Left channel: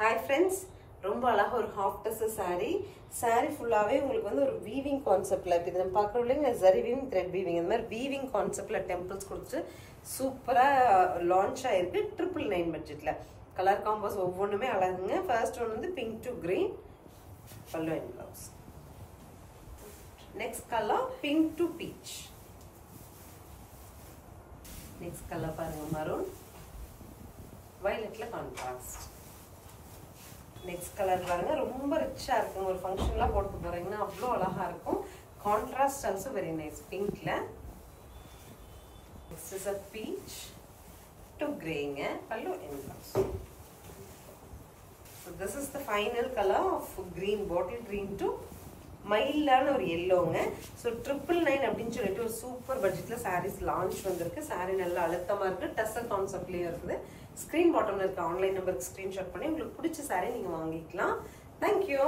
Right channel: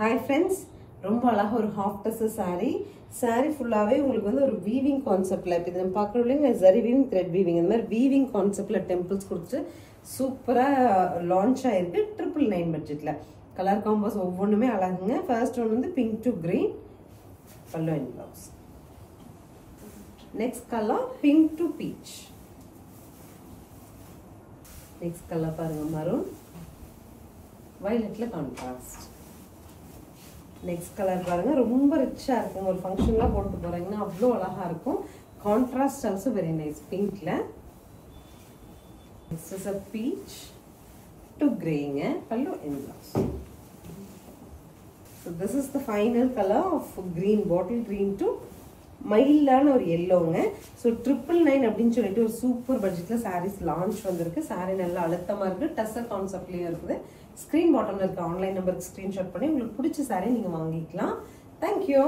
Hi friends, ரொம்ப அழகா ஒரு half dress saree ஃபுல்லாவே உங்களுக்கு வந்து ஒரு weaving conceptல இப்ப இது நம்ம பார்க்கறோம்ல zari weaving thread weaving இந்த மாதிரி weaving conceptல temples கொடுத்து சூப்பரா லான்ச் ஆயிருக்கு 999 பட்ஜெட்ல கலர் காம்போஸ் ஒவ்வொண்ணுமே அழகுங்க ஃபர்ஸ்ட் ஒன் வந்து pink to green pallu and blouse next color pink to peach next color பாருங்க maroon violetல contrast next color பாருங்க ரொம்ப ரிச்சா இருக்கும் ஒரு ஃபங்க்ஷன்ல போட்டு போறீங்கன்னா அவ்ளோ அழகா இருக்கும் contrast also very nice pinkல this is a peach to grey pallu and blouse so this is the final color of green bottle green to மைல்டான ஒரு yellowங்க so 999 அப்படினு சொல்லிட்டு ஒரு சூப்பர் பட்ஜெட்ல sarees launch வந்திருக்கு saree நல்ல அழுத்தமா இருக்கு டசல் கான்செப்ட்லயே இருக்குது ஸ்கிரீன் பாட்டம்ல இருக்க ஆன்லைன் நம்பருக்கு ஸ்கிரீன்ஷாட் பண்ணி உங்களுக்கு பிடிச்ச saree நீங்க வாங்கிக்கலாம் thank you